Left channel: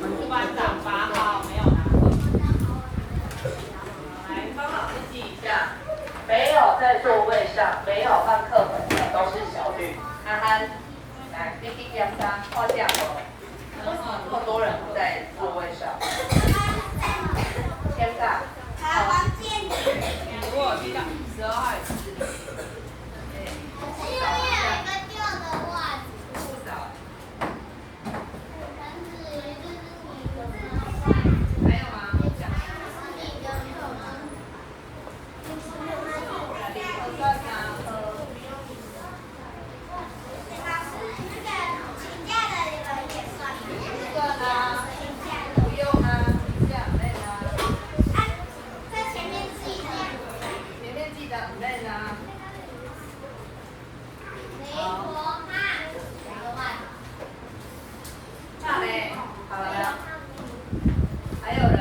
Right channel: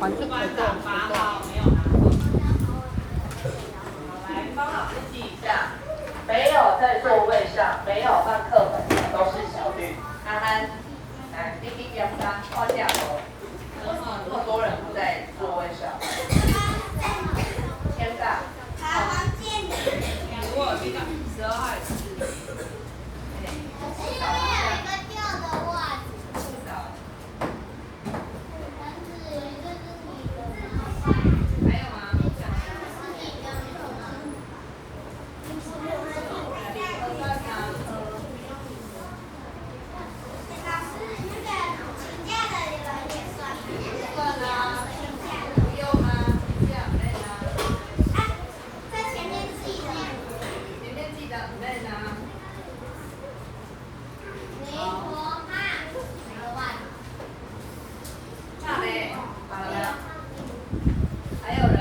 班长8号没有拿。来，帮老师记一下，没有在座位上，没有换课本的都是小绿。安安，来，B B 标杀，画下哦。为什么这么多人不在座位上？天大。黄建宇。我记得12号。因为有一个旧的袜子。不少。还有吗？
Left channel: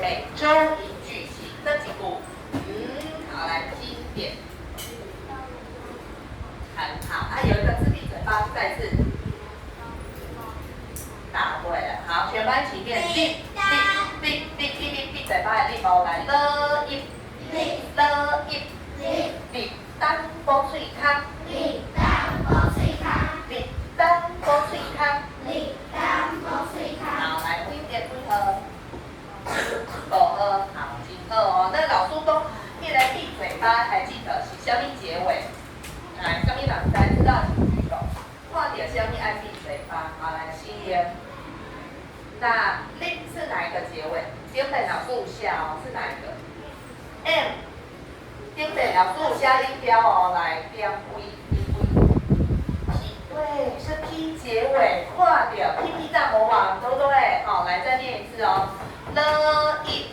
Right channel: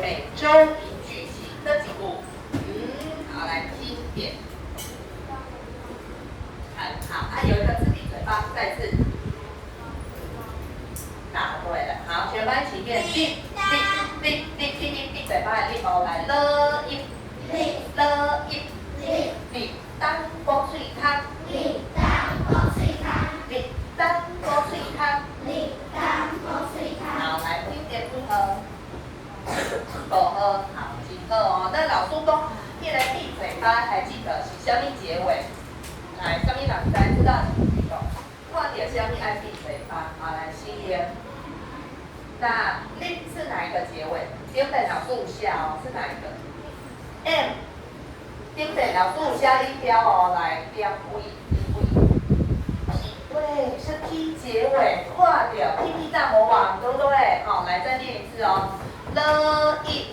每周一句型的几步，好，来经典，很好。有一个字闭嘴巴，再次答对了。好，全班一起念，闭嘴巴的地方来了一，单波水汤，好，来经典配合。好，几个哦。那老师都念来闭嘴巴，还记得是什么结尾？来，什么人知道请举手。看到什么爱闭嘴巴？好，来，心言。那另是哪一个结尾？丁北老师下哦，是哪一个 ？M。丁北老师下立标哦，来，点位。对，是 P 结尾，看到 P 大魔王，对不对？好，来再念一次哦。了一，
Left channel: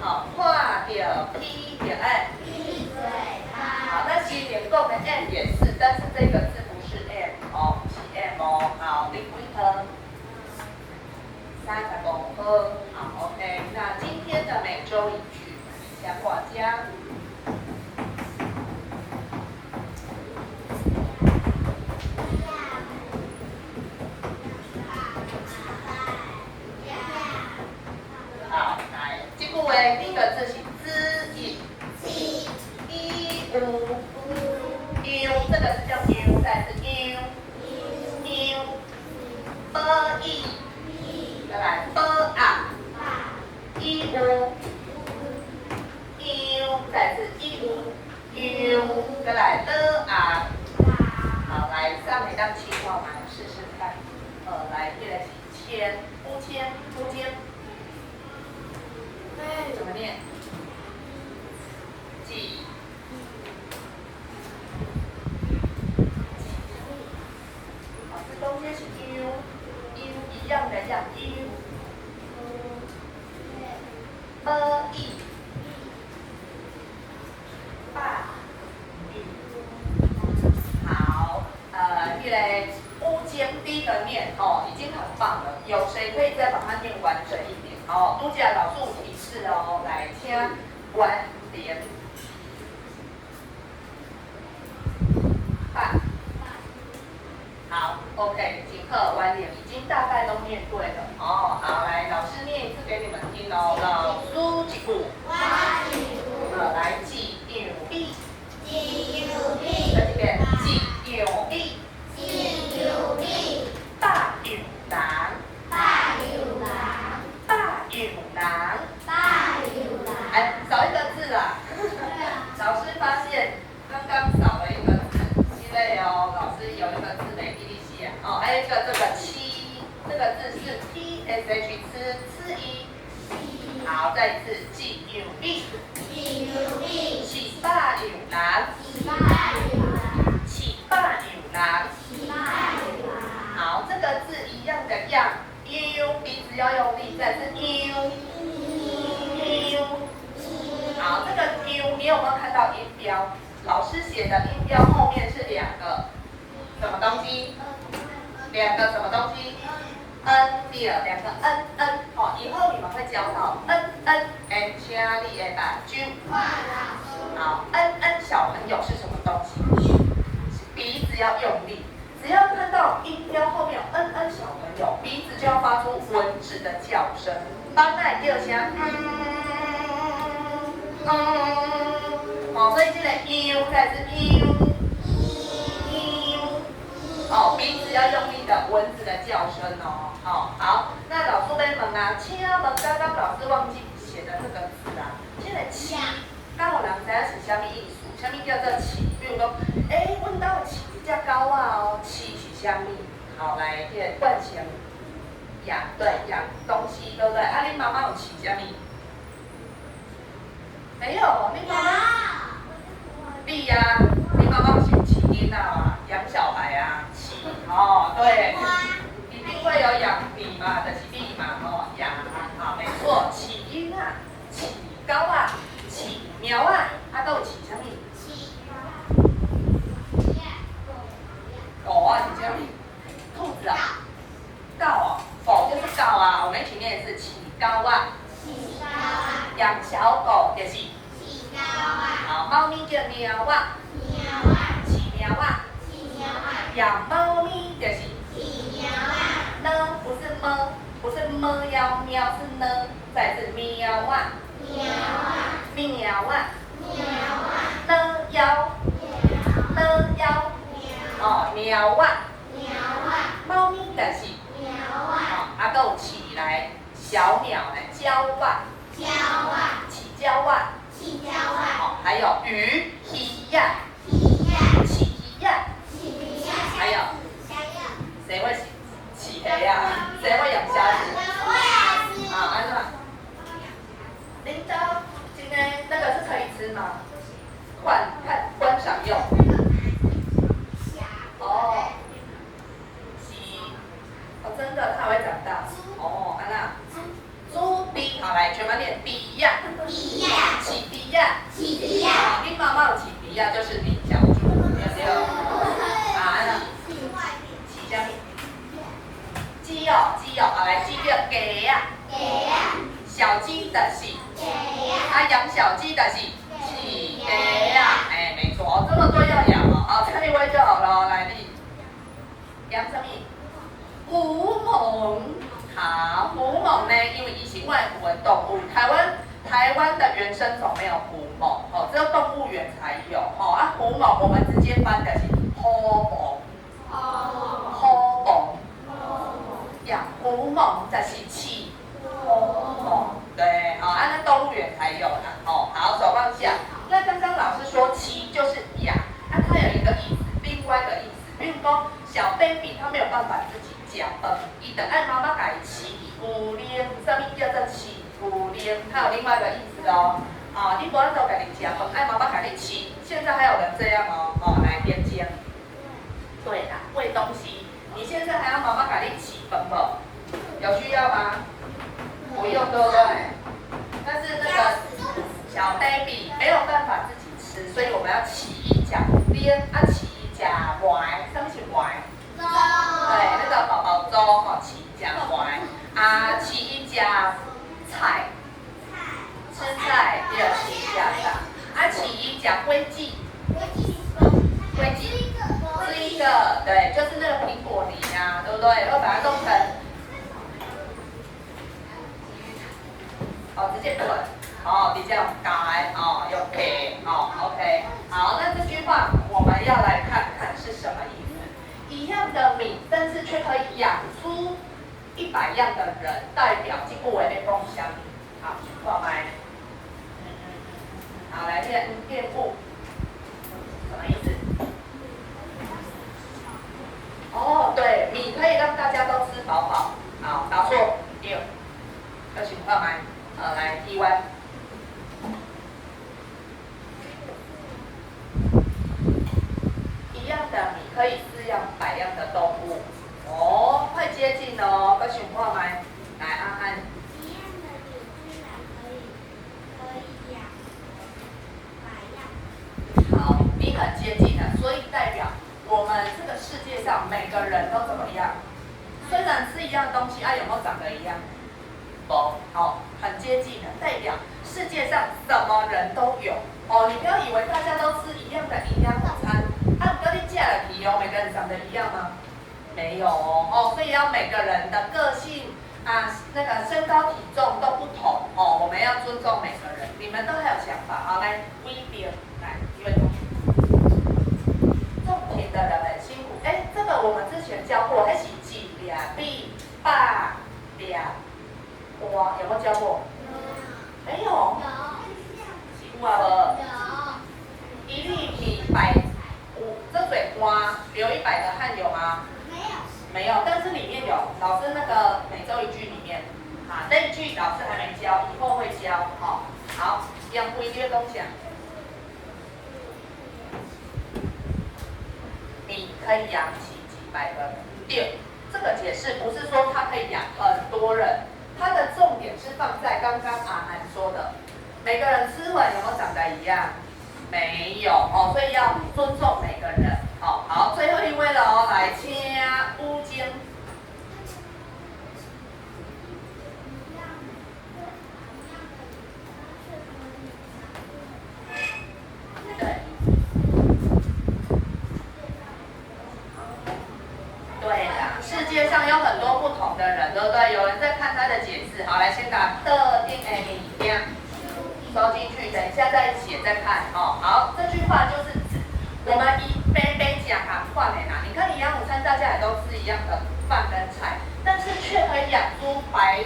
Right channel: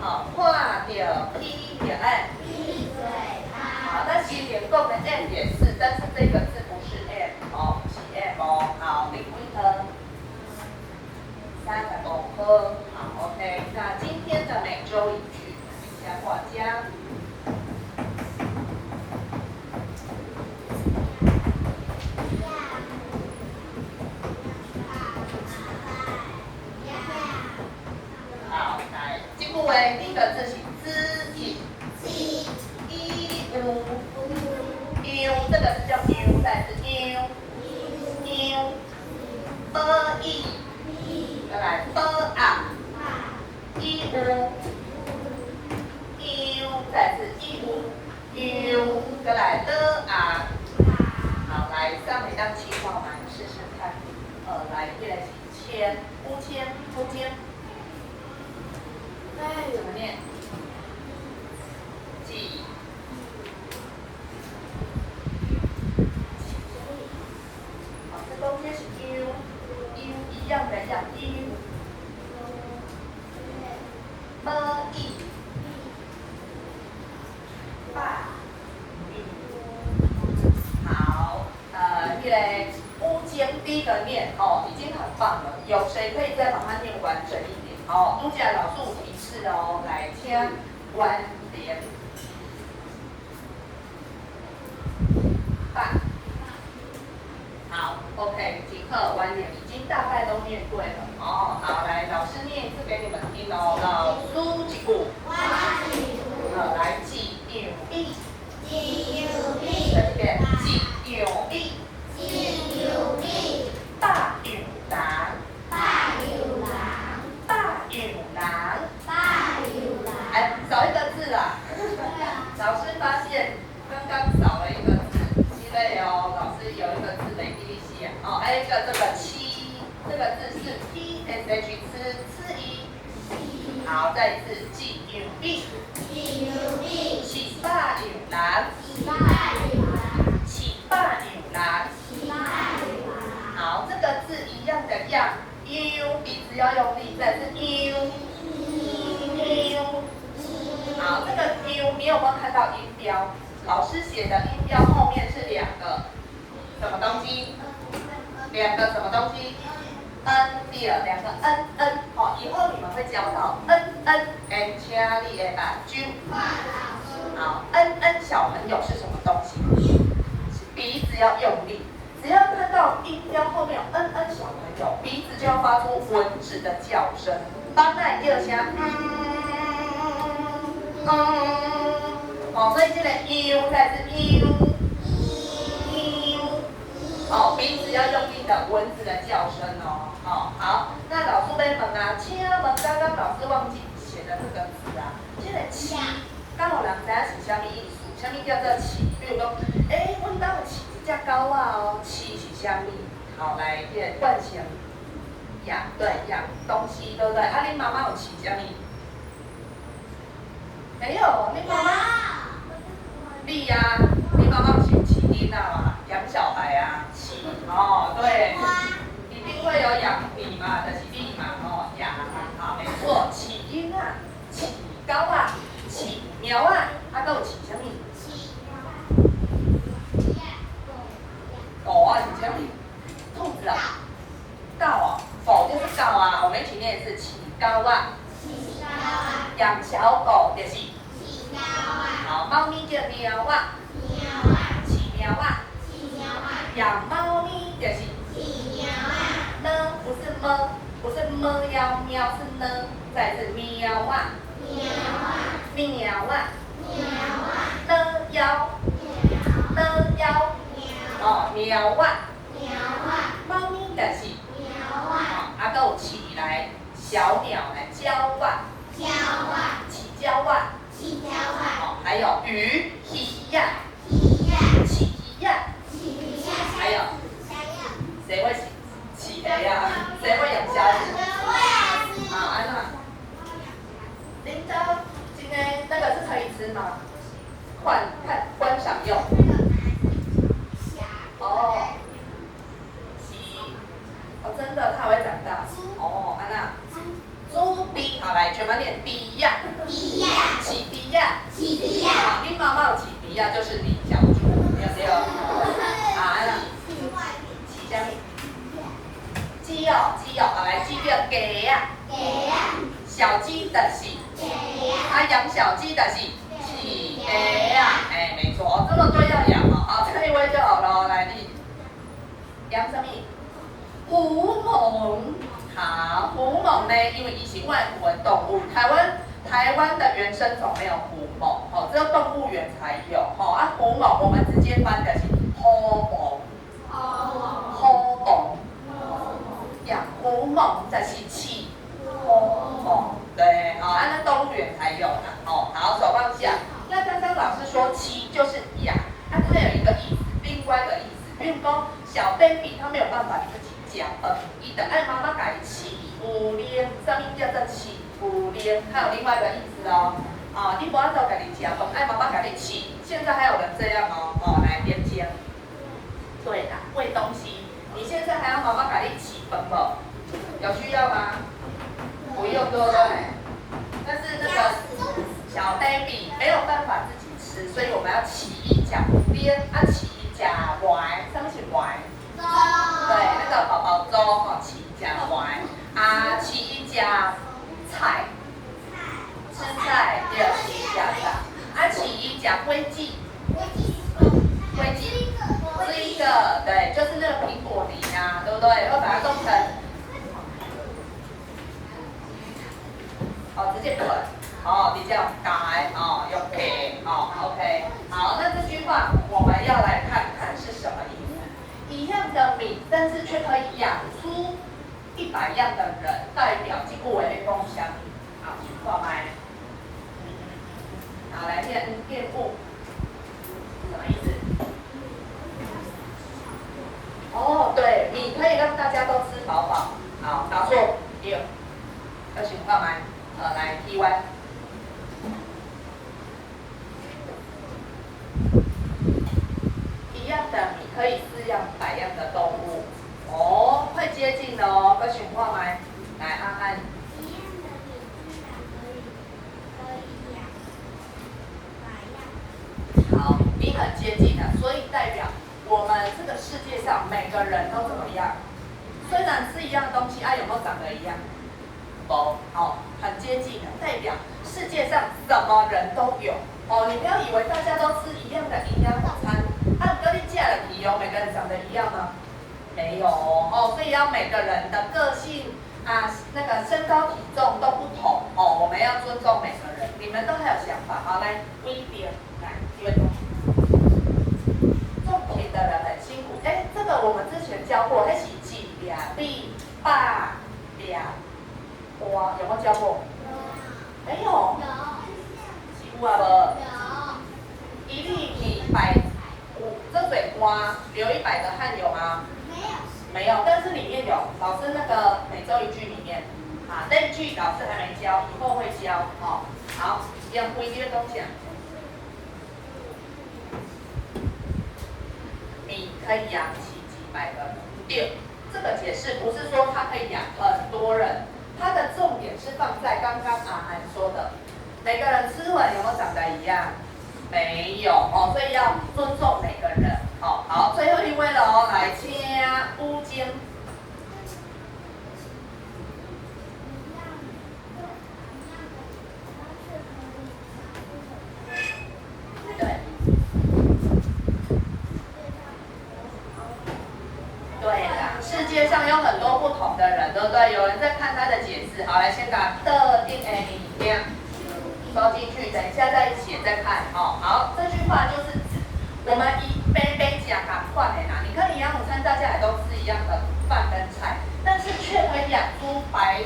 好，看到 P 点 M， 好，那其实连共的 M 也是，但是这个字不是 M 哦，是 M 哦，好，零分，35分，好 ，OK， 那今天的每周一句，一下画家。第一个字是知音，这个是叫牛，再是牛，再来再是再来好，来上一张气话嘛，试试看，来一来签，呼签。怎么念？几？好，这中间是 u 一样的样 u。爸。第一个念哦，已经很棒了。有谁可以再把它念完整一点？哦，目前老师有提示哦，来听关联办。好 ，OK， 即刻关联已经大概都念对了哦。好，来，老师念一次给你们听哦。老师一句，来记牛逼，再一遍记牛逼，大牛郎，哎，少一个字啦。老师发现刚刚少了一个字，因为哦，老师有一个字没记起哦，还有一个这个七，这个字是 TSH 吃一。好，再一次记牛逼，起大牛郎，起大牛郎。好，这个字一样的样，u 鼻子要用力，再是 u。好，这个 u 你有没有看到音标？老师写的音标后面是两个什么东西？两个什么东西 ？n 第二两个 n， 好，以后你们会教到 n， 请你的把揪。好 ，n 小朋友是什么东西？鼻子要用力，只要看到音标后面有 n 小朋友，鼻子就要发出蚊子的叫声。当然叫声哦，所以这个 u 再是 u， 哦，鼻子要用力的蚊子的叫声哦。好，那老师在问啊，请问刚刚老师忘记写的这个字啊，这个起，刚有人知影是什么意思？什么叫做起？比如讲，阮家有饲一只狗啊哦，饲是什么？好，来，这个惯性养，对，养东西，对不对？啊，恁妈妈有饲什么？没有，你妈妈，你呀、你妈妈是饲囡仔嘛，养小孩啊，饲哦，对，一定会有养你嘛，就是你嘛，哦，养啊，没错，饲囡仔，饲狗啊，饲猫啊，啊，还有饲什么？狗啊，是什么？兔子啊，狗啊，狗就是狗啊，我们一起念的是饲狗啊。养小狗就是好，猫咪叫喵啊，饲喵啊，养猫咪就是呢，不是么，不是么要喵，是呢，再是喵啊，喵啊，呢要，哦，喵啊，猫咪就是啊，还有起来小鸟来叫啊。起叫啊，好，还有鱼，鱼呀，起鱼呀，还有谁会起鱼呀？谁会养虾子？好，安娜，铃铛，今天那个是可以吃吗？观赏用。哦，哦，真的，它会长大。哦，安娜。猪鼻，好来，全班念鼻呀，起鼻呀，好，你妈妈有起鼻呀，就是你小猪，对不对？啊，起什么？鸡哦，好来，鸡叫鸡呀，小鸡的是，啊，养小鸡的是起鸡呀，哎，没错，这么多要养哦，好，这一位就好了，来你养什么？狐獴。好，狐獴呢，因为它是外国动物，台湾的原生种没有狐獴，哦，只有动物园才有，哦，啊，狐獴我们直接翻的是狐獴，养狐獴就是饲狐獴，对，好，啊，那动物园才有啦，哦，好，手放下。那刚刚老师说饲就是养，啊，它有一个意思，另外一个意思，比如说小 baby 他没有办法自己讲，伊就爱妈妈给伊饲牛奶，什么叫做饲牛奶？它有另外一个意思哦。啊，你不按照给你吃饭，爱妈妈给你饲。现在还有人这样哦，来边间。对啦，喂东西，你现在还要妈妈给你饲饭不？有需要吗？不用，对不对？但是那个小 baby 没有办法自己吃，所以我们要饲伊食奶，饲伊食糜，什么是糜？对，那个的形象上。啊，起讲规矩，规矩是一个，对，就是那个苹果梨啊，对不对？会把它弄成，直接滚，比较改，用 K，OK， 好，那这句话我们要来看看是什么意思。一样的米，但是却可以养出100样的人，代表这句话的共享。好，挂麦。好，来练物，什么意思？对，米可以让大家都吃饱饱。好，答错，对。要请挂麦，来 T1。一样的米可以饲养100样的动物。快接近哦，要请挂麦，来安安。好，你很接近了，所以代表我们这个世界上每个人都怎么样？虽然是一样东西，有没有长得一样？不，很接近的，代表世界上什么人都有。你不要以为大家都吃一样的营养午餐，跟你嫁了皮每个人长得一样吗？没有所以要每个人的个性那个身高体重都不同我们要尊重每个人。你们都还有想法，好，来微表，来一位同学，种田的人很辛苦。这个我们之前教过，那是几两币8两瓜，有没有教过？没有。有啊无？一粒米这水瓜流100个汗有吗？没有，但是里面有老师那个每周一句里面这一句老师还没教，以后会教好，养规律的东西你可以养起几百个人。对，这个解释不是说它可以养很多人，它的重点是放在刚刚阿涵说的，每个人吃完有没有长得一样？没有所以要尊重每个人。好，最后一位了来请乌金。对啦，世界上有很多不同的人，对不对？有人在看他的解释。好，来先把特定的影片收进去，等一下再写再看好，这句话就是指我们杯讲饭的啦。你看营养午餐，大家也都吃一样的饭跟菜，但是却可以养出白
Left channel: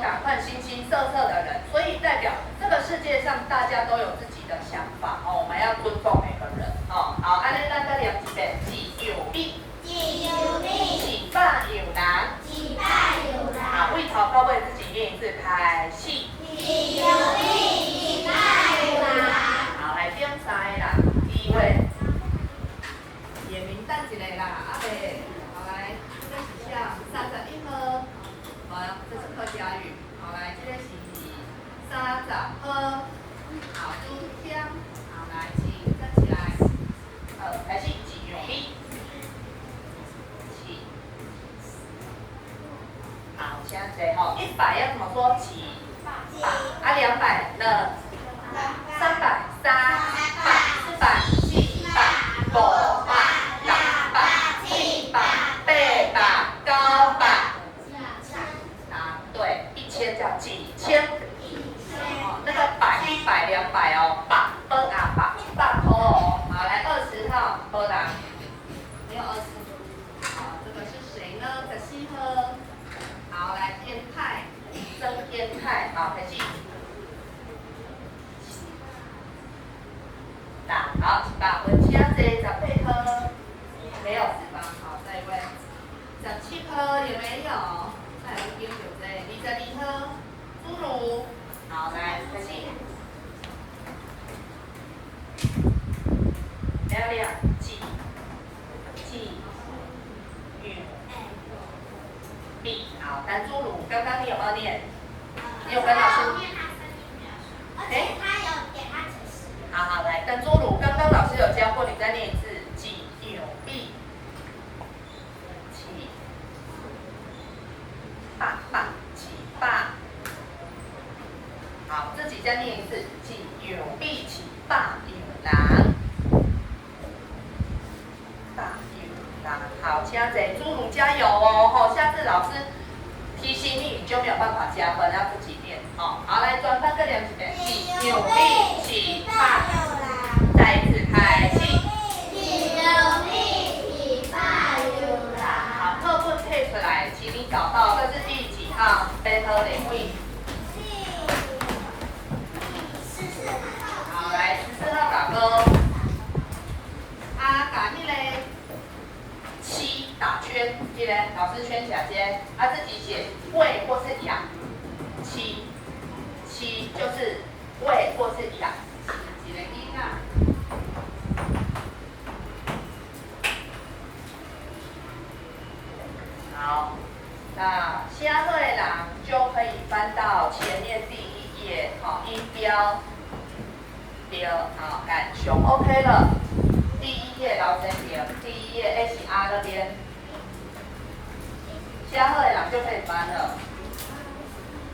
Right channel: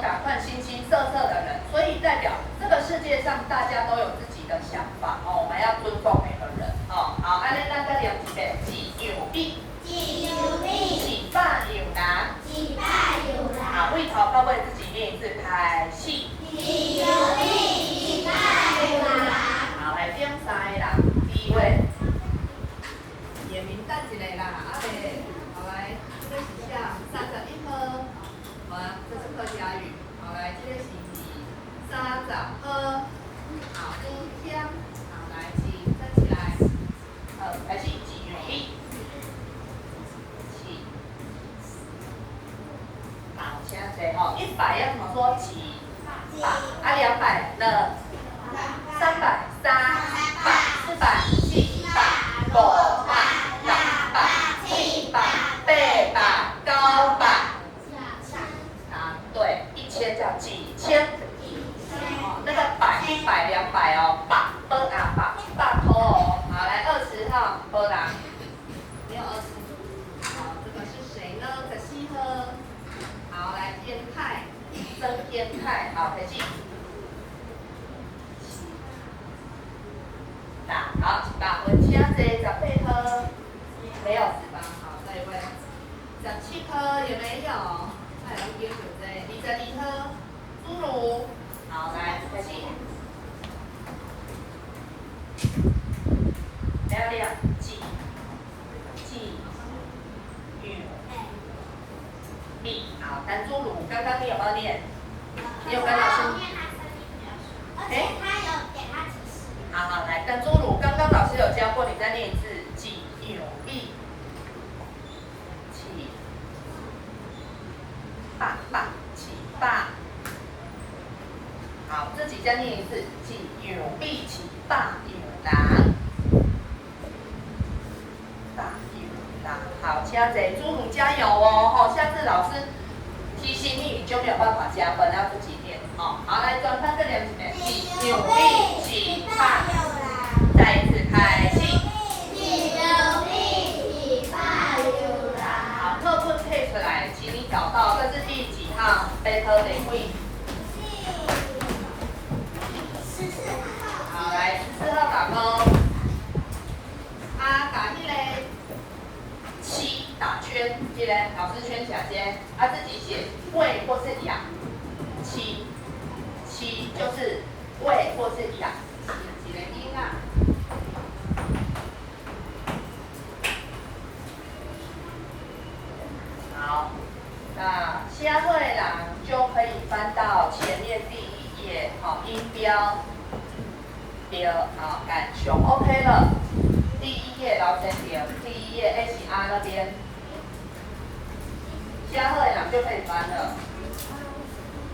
赶快形形色色的人，所以代表这个世界上大家都有自己的想法我们要尊重每个人好，安尼咱再念一遍，自由米，自百有人，好，为头到尾自己念一次，开始。好，来点3个啦，第一位，眼明等一下啦，好来，这是下31号，这是客家语，好来，这个是30号，好，今天，好来，请站起来，开始自由米，好，现在100要怎么说？200呢？300、300、400、700、500、600、700、800、900。对，1000叫几千。那个100、200百100块好，来20号，没啦，没有20。好，这个是谁呢？可惜呵。好，来天泰，曾天泰，好，开始。好，100分，请坐，18颗，没有脂肪。好，下一位，17颗有没有？再来一点9颗，22颗，侏儒。好，来开始。亮，米。好，弹侏儒，刚刚你有没有念？你有跟老师？好，来，弹侏儒，刚刚老师有教过，你再念一次，几牛币，起8，好，自己再念一次。加贼，朱母加油哦，吼，下次老师提醒你，你就没有办法加分，要自己练，好，好，来转翻个两几遍，起努力起怕，再一次开气，好，课本退出来，请你找到这是第几号？背头领位。好，来14号打勾。打那个7打圈，记得老师圈起来先，自己写喂或是养7就是喂或是养，几个音啊？好，那下会啦就可以翻到前面第1页，好，音标好，感熊 OK 了。第1页老师点，第1页 HR 那边，下课了就可以翻了。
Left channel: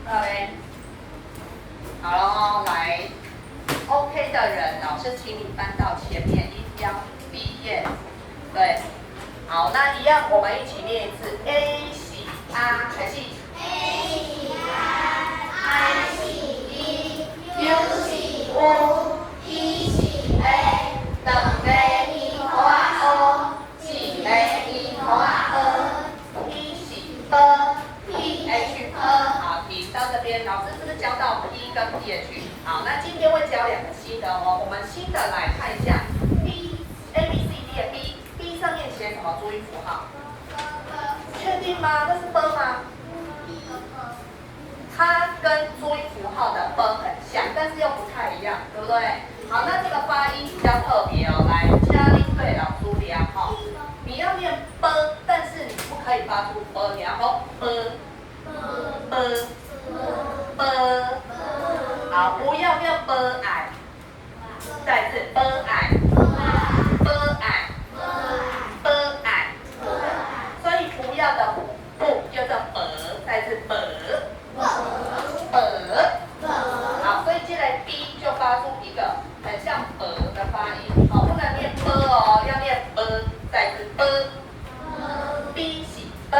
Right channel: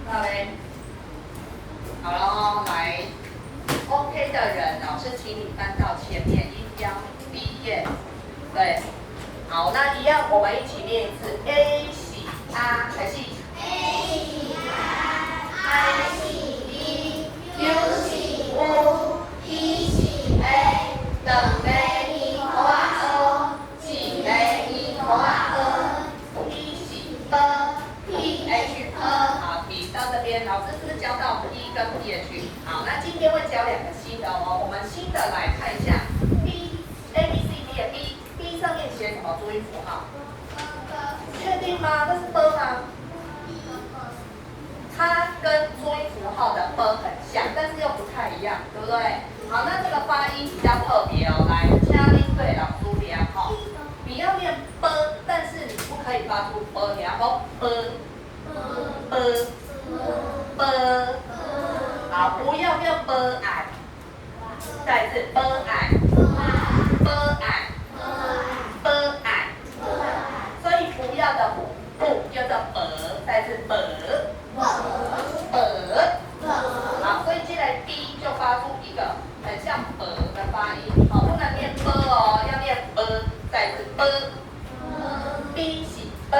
好嘞，好咯，来 OK 的人，老师请你翻到前面音标第1页，对，好，那一样我们一起念一次 A 喜 R 开始 A 喜 R喜 E U 喜 U E 喜 A 等呗。好，提到这边，老师是不是教到 P 跟 PH？ 好，那今天会教2个新的哦。我们新的来看一下 B、A、B、C、D 的 B 上面写什么注音符号？确定吗？这是 B 吗？它跟注音符号的 B 很像，但是又不太一样，对不对？好，那这个发音比较特别哦。来，嘉玲对老师量哈，你要念 B， 但是你不可以发出 B， 然后 B。好，不要念 b i， 再次 b i， 所以不要的不就叫 b， 再次 b， 好，所以进来 b 就发出一个很像 b 的发音，好，不能念 b 哦，要念 b， 再次 b，b 是 b。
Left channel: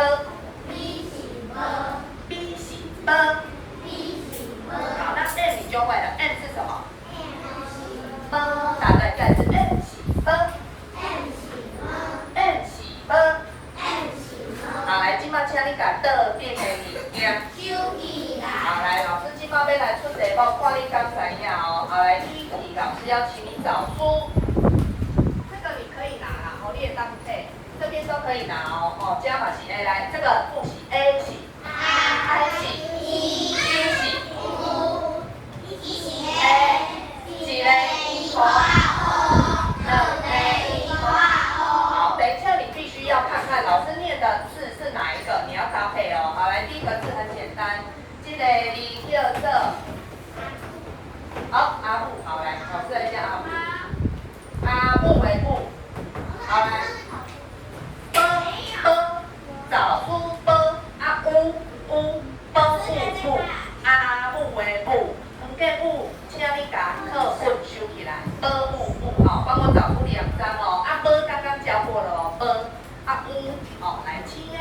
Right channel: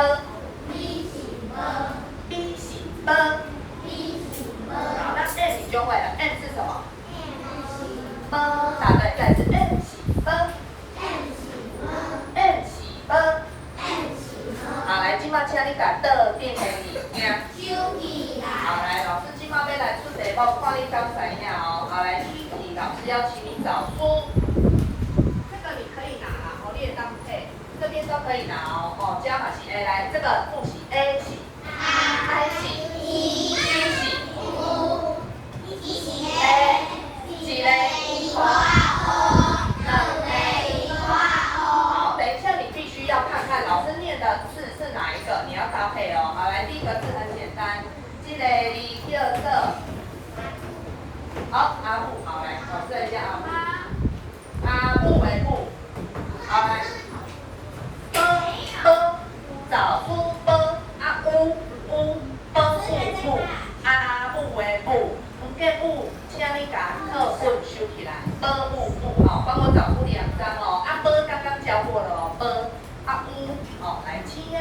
好，那 M 你就会了 ，M 是什么？答对，再次 M 喜 M 喜 好，来，今麦请你把的变成你，好，来，老师今麦要来出题目，看你刚才呀哦。好，来，第1题，老师要请你找出，这个你可以拿啦，哦，列当配，这边都可以拿哦，哦，加码是 A， 来，这个复习 A 喜。I 喜 E 喜 U 喜 A 几嘞？好，等一下你必须要看看老师念的字是哪一个，你要搭配哦。好，来，第1个字很简单，这个第2个，好，阿布，好，来，考试一下阿布，阿布为布，好来找出 b 啊乌。布阿布为布，唔计布，请你把课本收起来。布，好，帮我找出2张哦。刚刚教过了哦。乌，好，来请呀，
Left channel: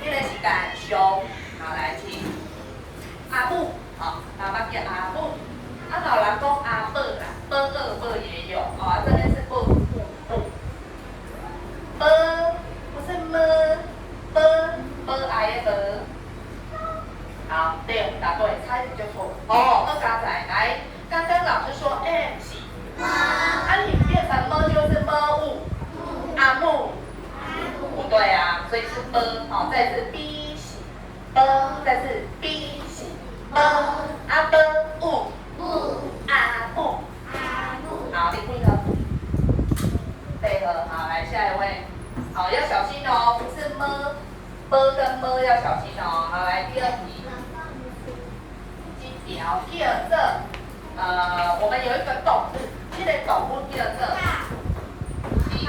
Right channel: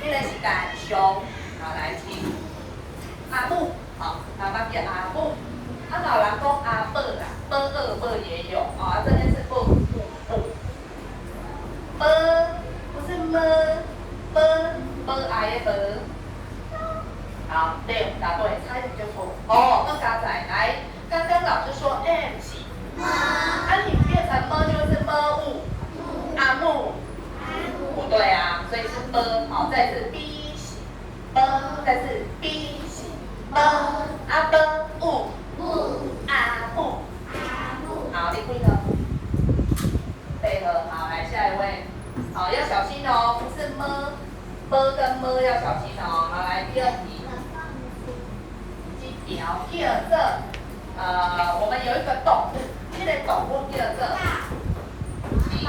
这个是感伤，好来请。阿布，好，妈妈叫阿布。老人讲阿伯啦，B2也有哦，这边是布。不是么，I 的。好，对，答对，差一点就错了。哦，那刚才来，刚刚老师说 M 喜，你变成 M 就是 M 物，阿木，不对啊，所以是 M， 好，再次 B 喜 ，M， 再次 B 喜 ，M， 阿 M 物，阿木，好，你配合，好，来下一位，好，要小心哦，不是 M 跟 M 要小心哦。好，来第2题。第2个，我们有一个动物，这个动物第2个，马，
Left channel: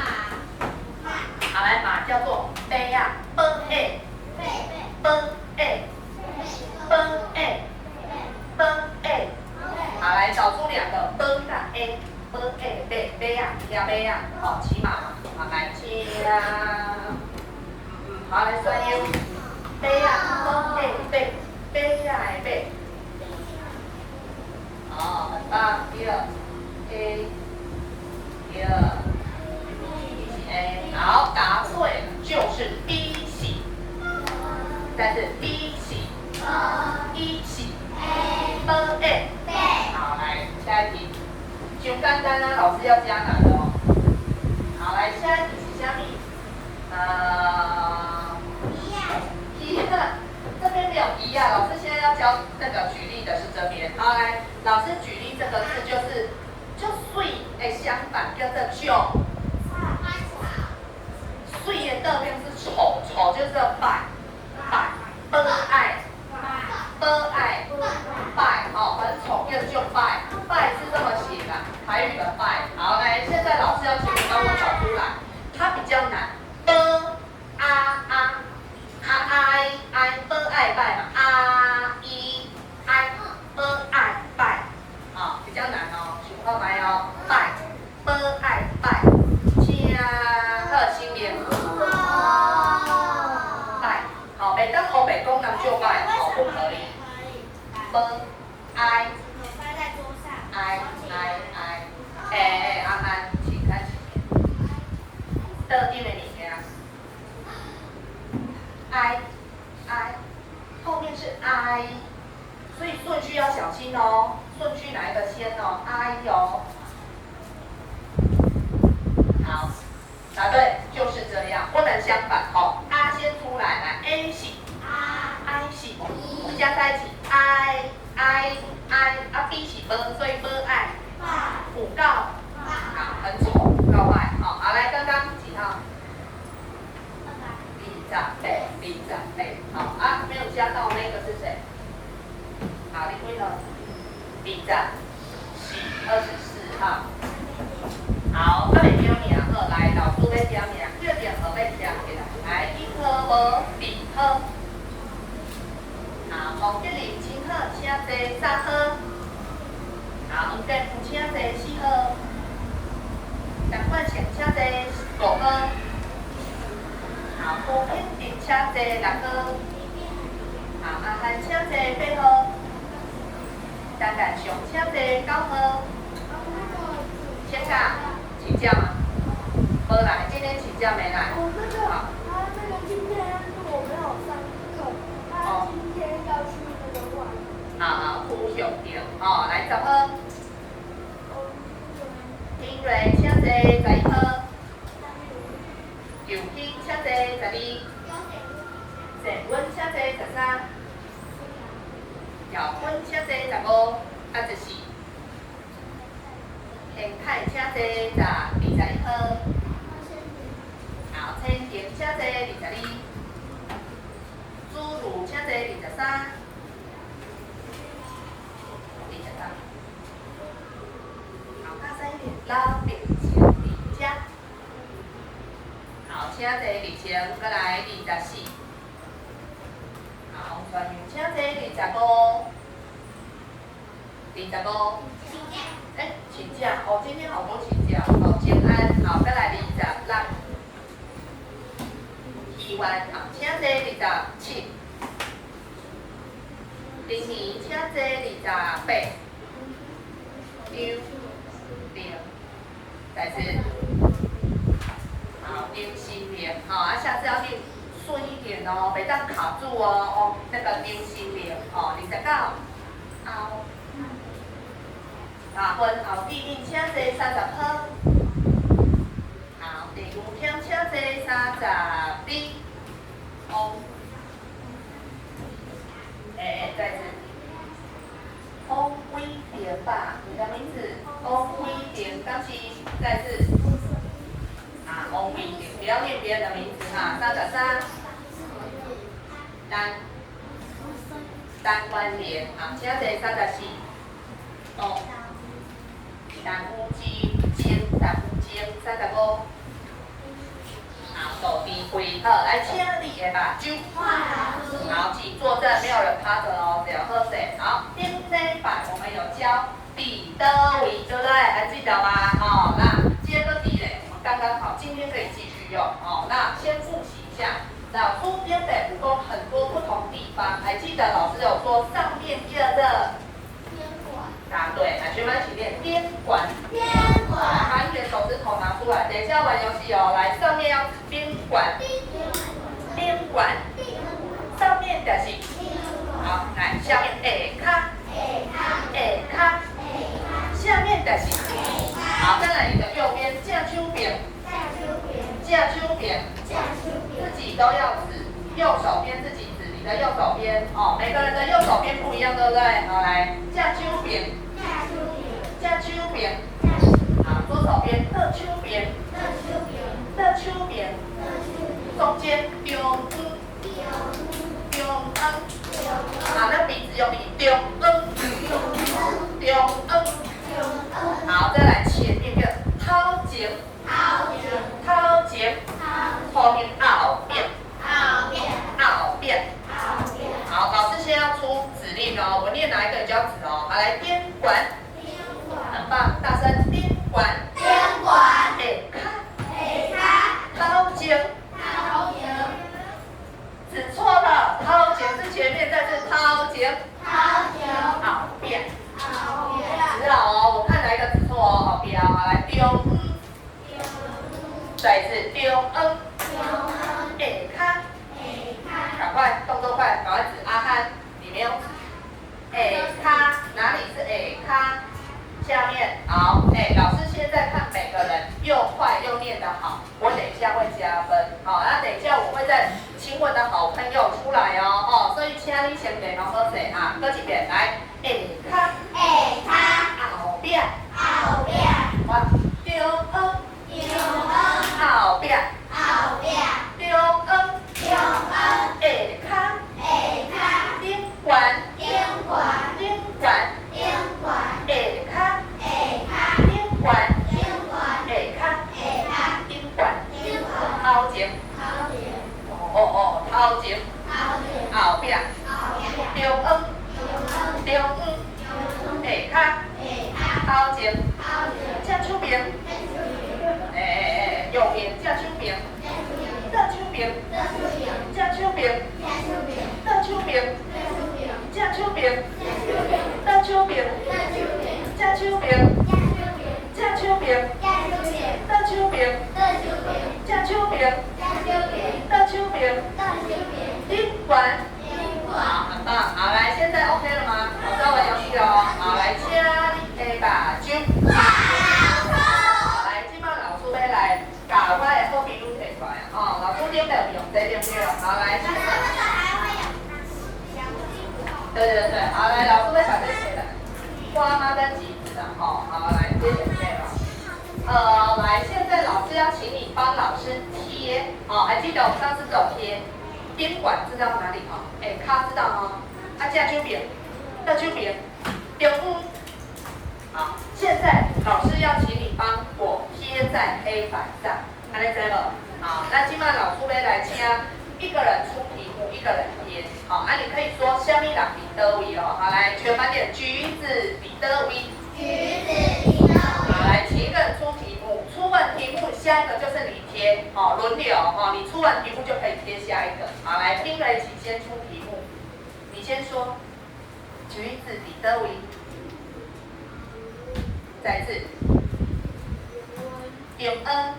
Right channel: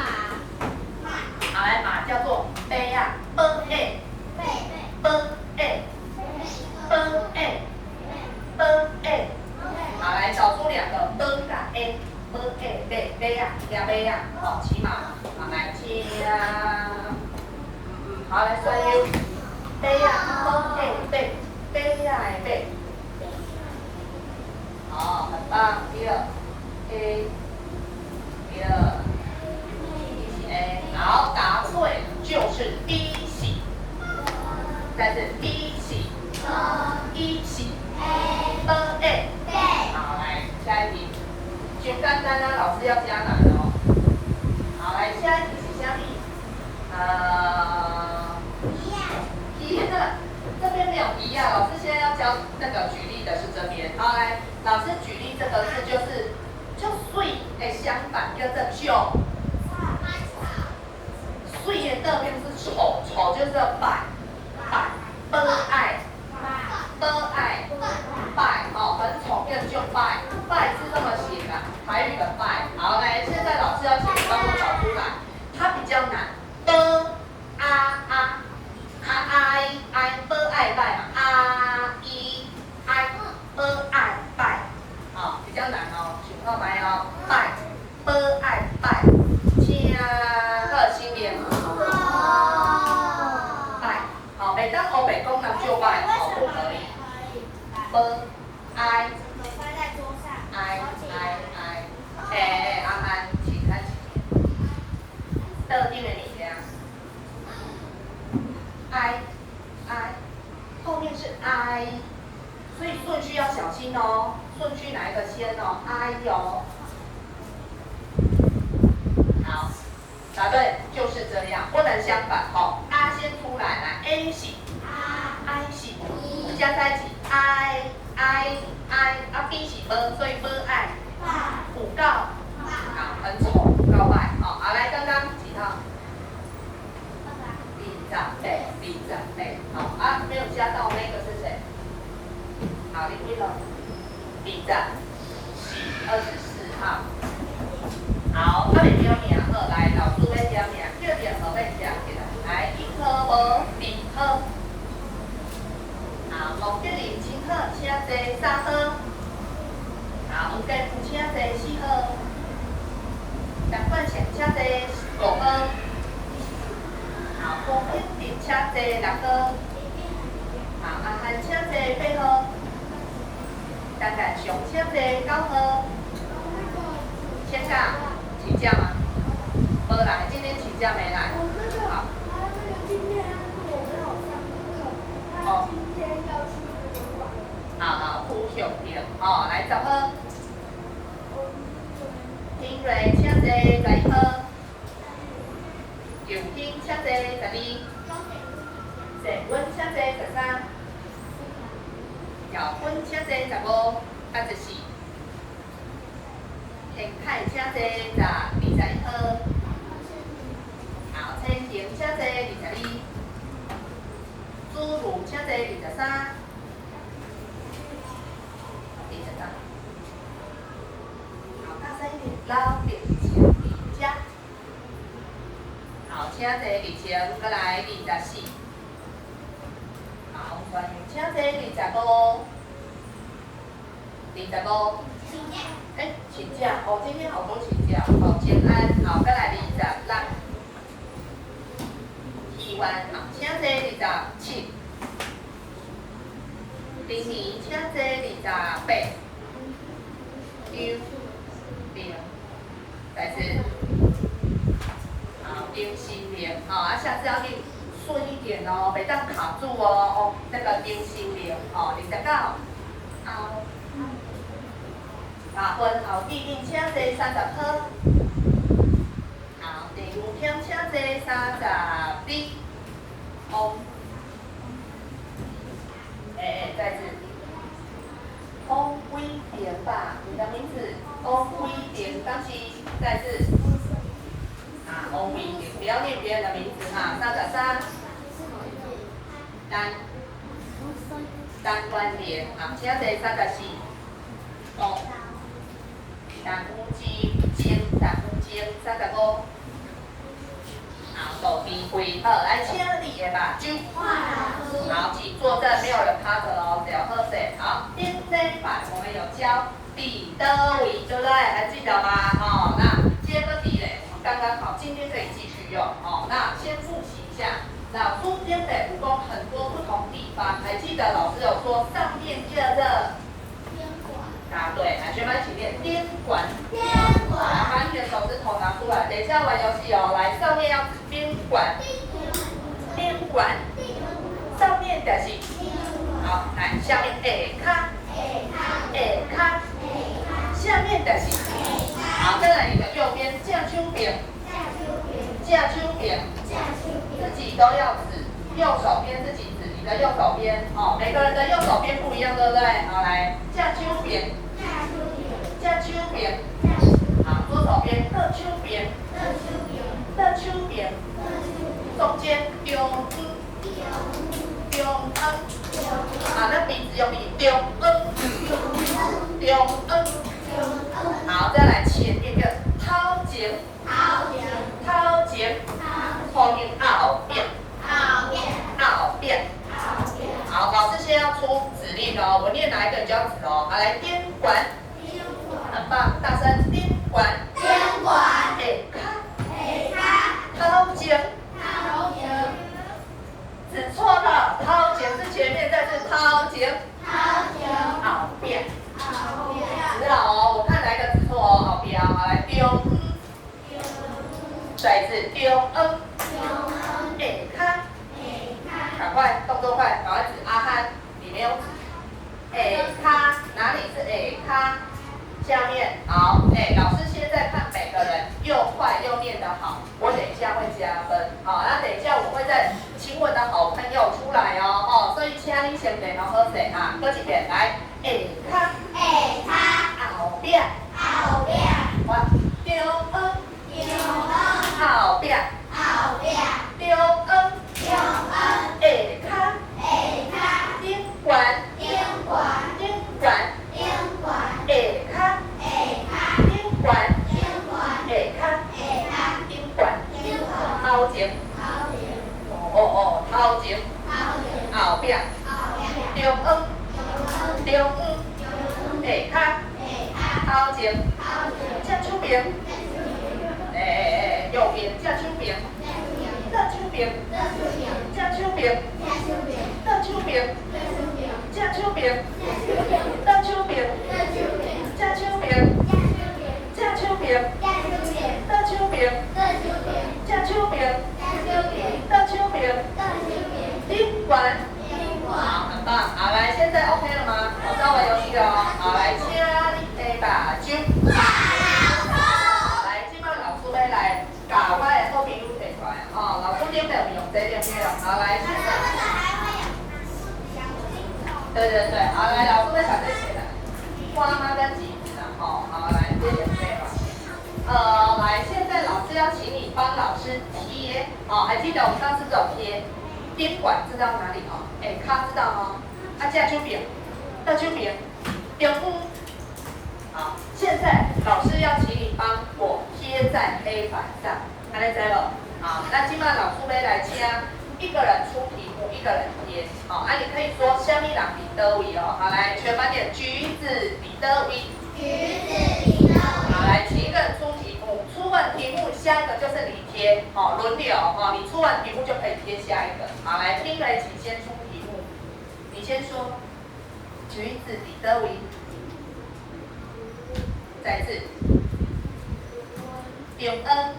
好来马叫做贝呀，B A，好来找出2个 B 跟 A， 贝呀，好骑马，好来骑呀，好，来算 U。杯啊，杯，杯啊，杯。好，很棒。第二 A， 第二 A， 好，答对就是 B 型。再是 B 型，E 型，B A。好，来下一题，就简单啊，老师要加难哦。好，来下一题是下面，这边没有一啊，老师现在要教那个举例的是这边。好，来，老师举例这个字就水的相反叫做就，水的对面是丑，丑就是败，悲哀，败，哦，很丑，叫就败，败是这么写的，台语的败。好，来，现在老师要请你帮我找出来，它比较难，拜嘛，拜，好，比较难哦，想看麦哦，拜，请好新年，拜，好，每当欧北功能就拜，好，不可以，爱，安安，请看前面，特定的物件，爱。后面是 I， 所以顺序要小心哦。顺序哪一个先哦 ？I 哟。好，答对，就是这样，不能相反哦。A 先出来，来 A 型 ，I 型，加在一起 I，B 型 B， 所以 B I， 虎告，好，很丑，告白，好，来刚刚几号？李长辈，好啊，没有加到那个是谁？好，你会了，李长，24号。好，我袂叫名好，来，老师要叫名，叫任何要叫起来。来，一科无2科。好，黄吉林请好，请坐3号。好，黄建富请坐4号。陈冠成请坐5号。好，郭品婷请坐6号。好，阿汉请坐8号。张干雄请坐9号。请假，请假吗？没来，今天请假没来。好。今天我没有上课，他今天要去那个馆。好，胡雄婷，哦，来10号。丁瑞请坐11号。刘斌请坐12，郑文请坐13，姚坤请坐15，14，田凯请坐21号，好，陈婷请坐22，朱如请坐23，好，大声一点，老兵请离家。好，请坐2000，再来24。好，专员请坐25。请假哦，今天好多请假。好，建安，好，再来26。希湾，好，请坐27。林怡，请坐28。刘玲，再次。好，刘心莲，好啊，下次要念顺一点哦，别当卡住哦。哦，那个刘心莲，哦，29。啊，分后弟弟请坐30号。好，第5天请坐32。哦，再次。翁威廉吧，你的名字翁威廉，刚起，再次。啊，翁威廉，不要念别人的名字哈，33。单关联，好，请坐34。哦。单乌35，好，手臂回合，来请你的目睭。好，请坐正，没有人趴着哦，只要喝水。好，第3版我们有教彼得维，对不对？还记得吗？哦，那接个题嘞，我们刚刚好，今天可以继续用。哦，那先复习一下，老书编北武功很多不同地方，还记得老师有说上面叫的答对，来学班一起练边管。来，把你的手指头拿出来，等一下玩游戏哦。来，上面要边管，上面就是好，来下面下卡，下面就是好，再来你的右边架手边，自己都要指，右手边自己指你的右手边哦，每个人的右手边不一样，对不对？好，来架手边，好，左手边的手边，中间中好，那鼻子用力中好，再来前面的掏前，后面后边，好，老师先要出指令哦，我念哪一个你就要指哦。好，来边管，很棒，大声边管，掏前，指错了，掏前是前面，再是掏前，后边，指好哦，我看哪一个指错哦，好标，好来中，再一次中下赶快动作快，赶快指阿汉，你没有指哪里是下面好，老师现在看每个人又快又念得好，我等一下会加分，好，那等一下我会再请我的好朋友出来哦，所以请你先练好好势啊，搁一遍来，后边，我中后边，顶管，掏前，掏前，后边，中下掏前，架手边，右边架手边，架手边，架手边，架手边，架手边，架手边，架手边，架手边，架手边，架手边，架手边，顶管。好，很棒。好，来，现在 OK 了吗？我在玩游戏哦。好，来，请你把酒。来，今晚老师要来把我的好朋友提出来哦。老师点没有用？这点没有。好，来。对，好，来，老师要把这写来。花妈跟橘子啊，好，来，这点没有。来，现在老师要请你帮老师贴，还记得我们上次只有贴。边管知道哪里哦？卡知道哦。架手边，中好，现在老师要请你帮我贴在黑板上，安尼知无？好，那今晚老师要来请一个人出题目，一个人贴。好，你可以说虾米人伫倒位哦。好，来全班点，橘子伫倒位。好，来，请一个人出题目，出完题目，下一个就是你贴，轮流，你出完题目就可以贴下一个。好，来，听了一起先出题目，你先说，橘子伫倒位，再一次，中恩，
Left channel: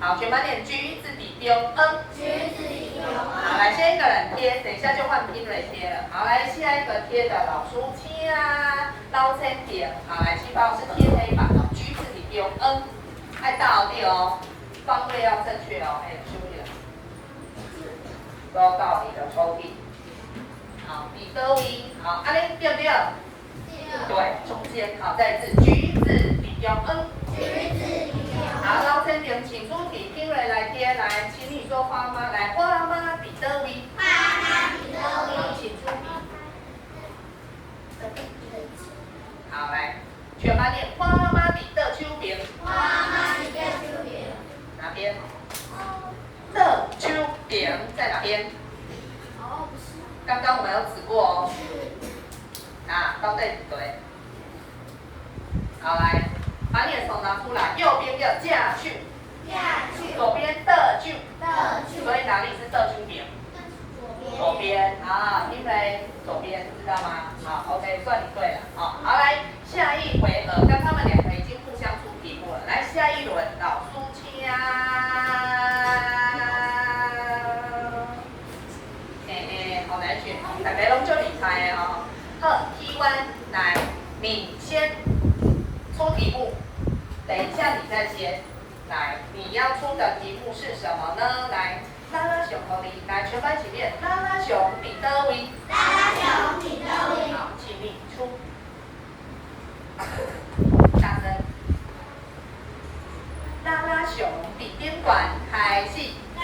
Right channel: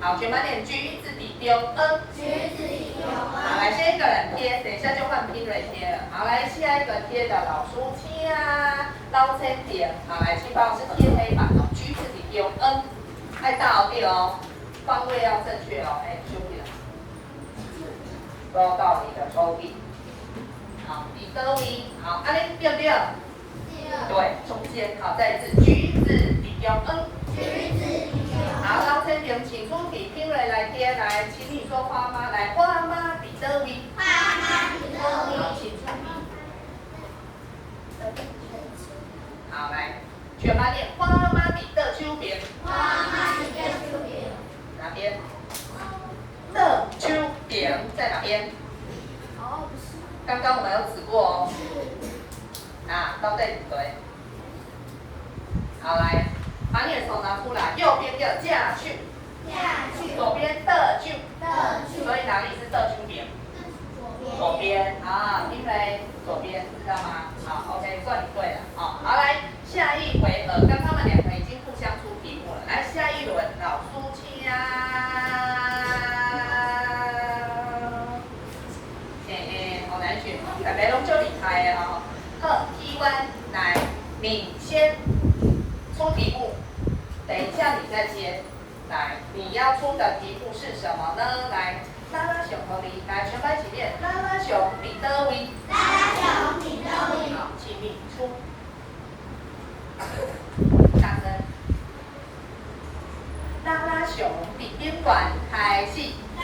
好，全班点，橘子伫中恩，好，来，先一个人贴，等一下就换拼了贴了。好，来，下一个贴的老师请老千点，好，来，请帮老师贴黑板哦，橘子伫中恩，爱倒对哦，方位要正确哦，注意了，都要到你的抽屉。好，伫倒位，好，安尼对不对？对，中间，好，再一次，橘子伫中恩。好，老千点，请出题，听了来贴，来，请你说花妈，来，花妈伫倒位。好，请出题。好，来，全班念花妈伫倒手边。哪边？倒手边在哪边？刚刚我们有指过哦。到对不对？好，来，把你的手拿出来，右边要架去，左边的就，所以哪里是的就边？左边啊，因为左边知道吗？好 ，OK， 算你对了。好，好来下一回合，刚他们两个已经互相出题目了，来下一轮老苏请好难选，大家拢就厉害的哦。好，提问来，你先出题目，等一下你再接。来，你要出的题目是什么呢？来，拉拉熊和你，来全班一起念，拉拉熊你的位，好，请你出，大声，拉拉熊比宾馆开戏。好，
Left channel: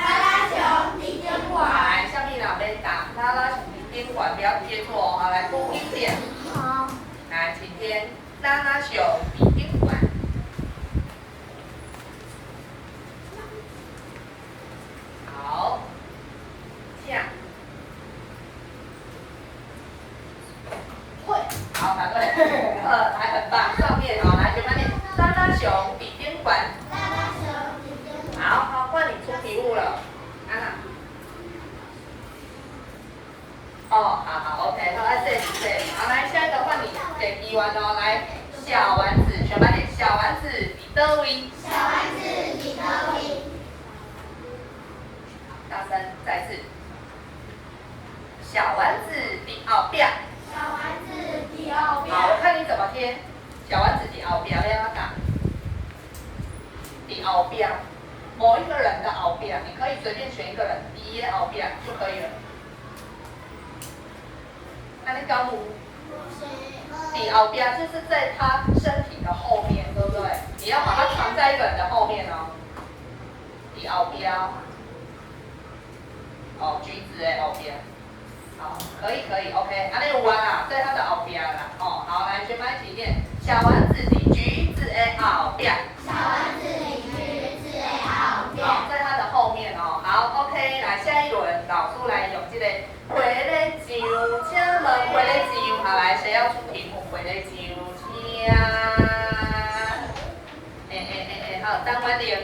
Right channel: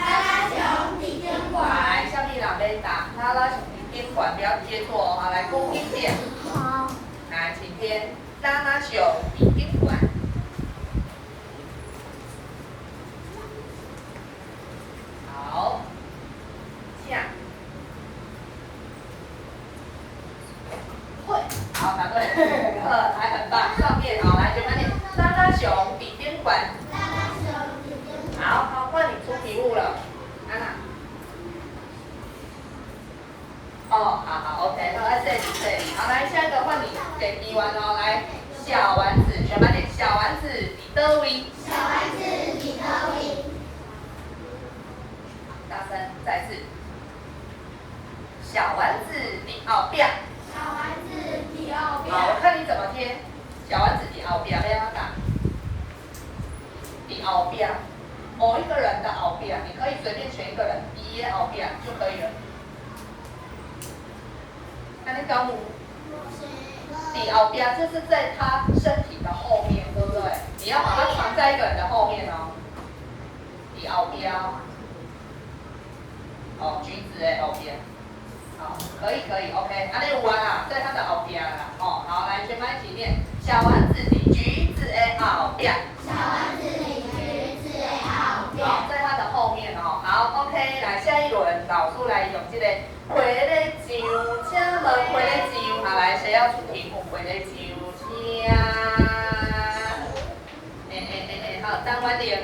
来，下面两边打拉拉熊比宾馆，不要接错哦。好，来公听点。好。来，请听拉拉熊比宾馆。好，这样，会，好，答对，还很棒。上面好，来，全班念拉拉熊比宾馆。好，换你出题目了，安娜。哦，好 ，OK， 好，对，好，来下一个换你给题完哦，来，小丸子，全班念小丸子比德威。大声，再次，小丸子比奥比。好，我看你怎么贴，小丸子比奥比，要不要打？比奥比，某一个人的奥比，你可以随便选一个人，第一奥比就可以了。那你讲我，比奥比就是在他身体的后面，对不对？你要把它藏在一个人的后面哦。比奥比。哦，橘子的后边，好，可以 ，OK， 啊，那有弯啦，在它的后边啦，哦，好，来全班一起念，小丸子比橘子的后边，好，在它的后面哦，好 ，OK， 来下一轮，老师来用这个回来酒，请问回来酒，好，来谁要出题目？回来酒，请，好，张婉玲，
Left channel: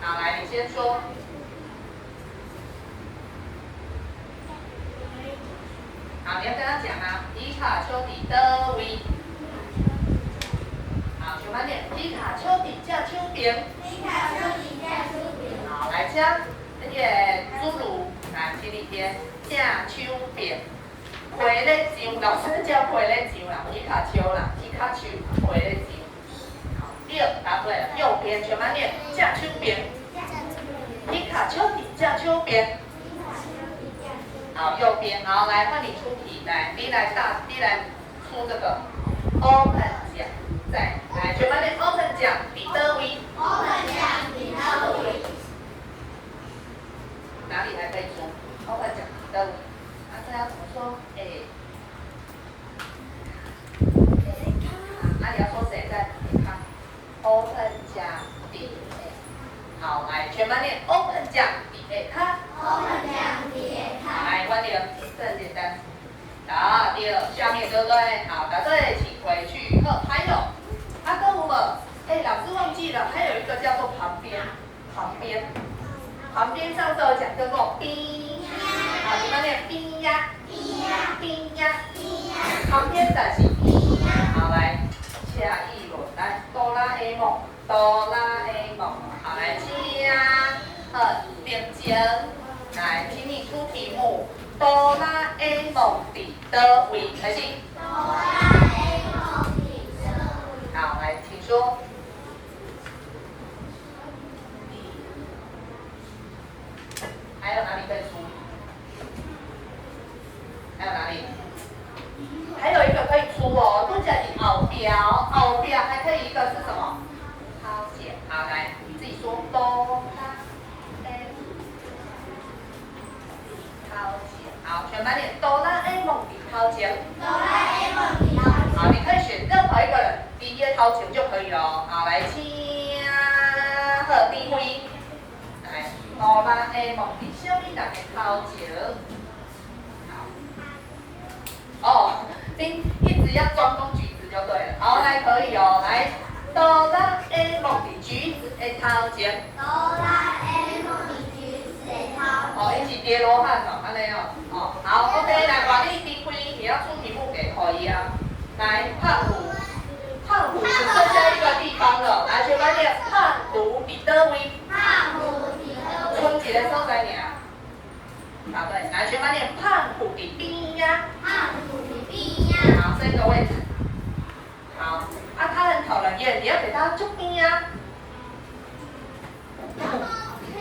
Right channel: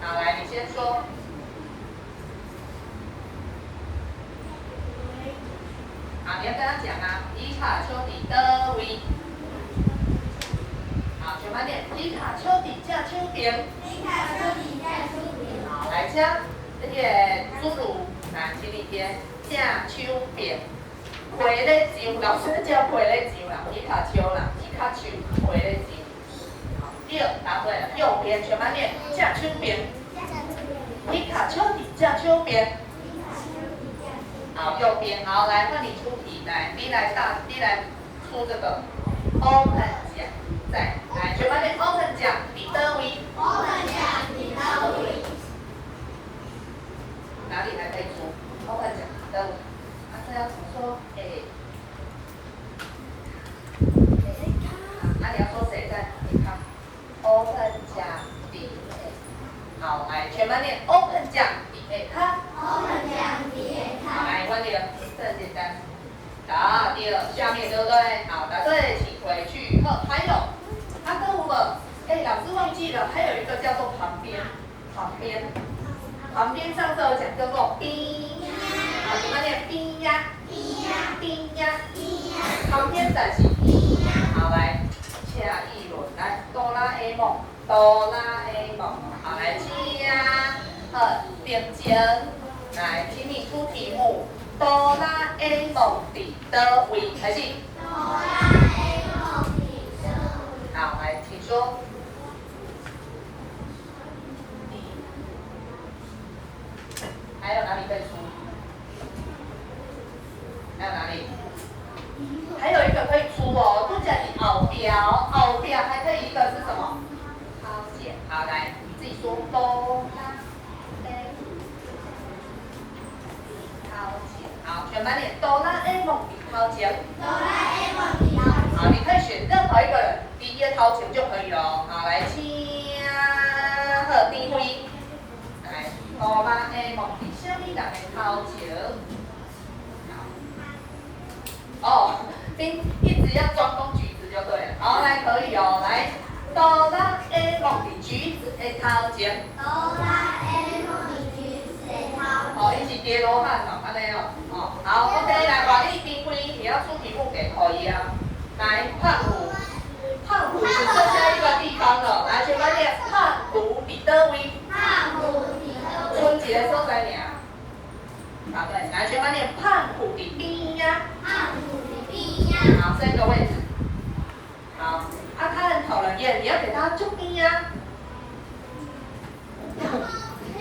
好，来你先说。好，你要跟他讲啊，皮卡丘比德威。好，全班念皮卡丘比架丘边。好，来加那个侏儒，来，请你填架丘边。回来上，老师叫回来上啦，皮卡丘啦，皮卡丘回来上。好，第二答对了，右边全班念架丘边。皮卡丘比架丘边。好，右边，好，来换你出题，来，你来出这个 open 奖，再来全班念 open 奖，比德威。哪里还可以出 open 奖，比德威？啊，这要怎么说？那你要说谁在？你看 open 奖比好，来全班念 open 奖比他。来，关点，这很简单。好，第二，下面对不对？好，答对，请回去。好，还有，跟我们，老师忘记了，还有一个叫做旁边，上次有讲叫做边，好，怎么念？边呀，旁边的是边。好，来，下一轮，来，哆啦 A 梦，好，来，点睛。来，请你出题目。哆啦 A 梦的德威，开始。好，来，请说。还有哪里可以出？还有哪里？还有一个可以出哦，都叫你后标还可以一个是什么？抛剪。好，来，你自己说哆啦 A。好，全班念哆啦 A 梦比掏钱。好，你可以选任何一个人，第一个掏钱就可以了。好，来，请贺地辉。来，哆啦 A 梦比小米人的掏钱。哦，你一直要专攻橘子就对了。好，来可以哦，来，哆啦 A 梦的橘子的头前。哆啦 A 梦的橘子的头前。哦，伊是叠罗汉哦，安尼哦。哦，好 ，OK， 来，把你评分，你要出题目给可以啊。来，胖虎，胖虎只剩下一个地方了，来，全班念胖虎伫倒位？胖虎伫倒位？剩一个所在尔。答对，来，全班念胖虎伫边呀。胖虎伫边呀。好，这个位置。好，啊，他很讨人厌，你要给他就边呀。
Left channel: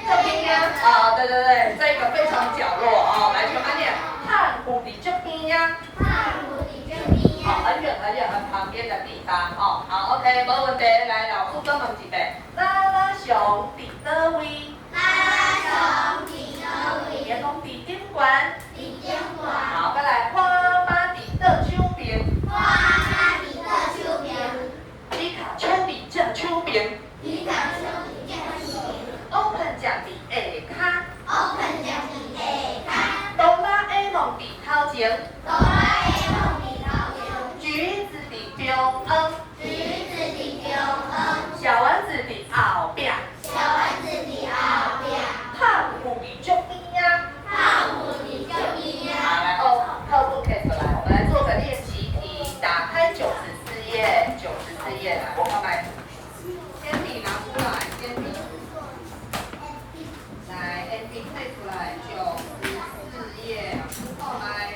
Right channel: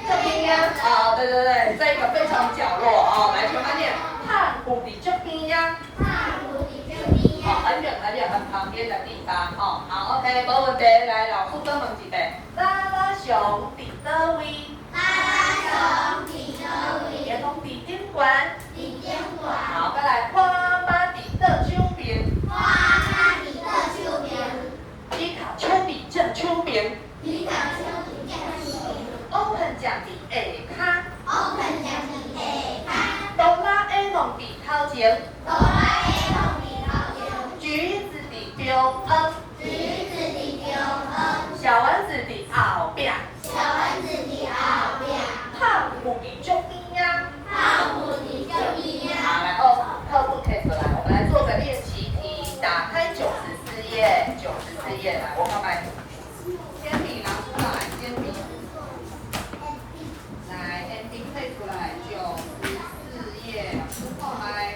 这边呀，哦，对对对，这个非常角落哦，来，全班念胖虎伫这边呀。胖虎伫这边呀。哦，很远很远很旁边的地方哦。好 ，OK， 没问题。来，老师跟问一遍，拉拉熊伫倒位？拉拉熊伫倒位？员工伫顶管。伫顶管。好，再来花妈伫倒手边。花妈伫倒手边。皮卡丘伫正手边。皮卡丘伫正手边。Open 奖伫下骹。Open 奖伫下骹。哆啦 A 梦伫头前。哆啦 A 梦伫头前。橘子伫中央。橘子伫中央。小丸子伫后壁。小丸子伫后壁。胖虎伫这边呀。胖虎伫这边呀。好，来哦，课本可以出来，我们来做个练习题。打开94页，94页来，我看看。铅笔拿出来，铅笔。来，铅笔配出来，94页，老师后来，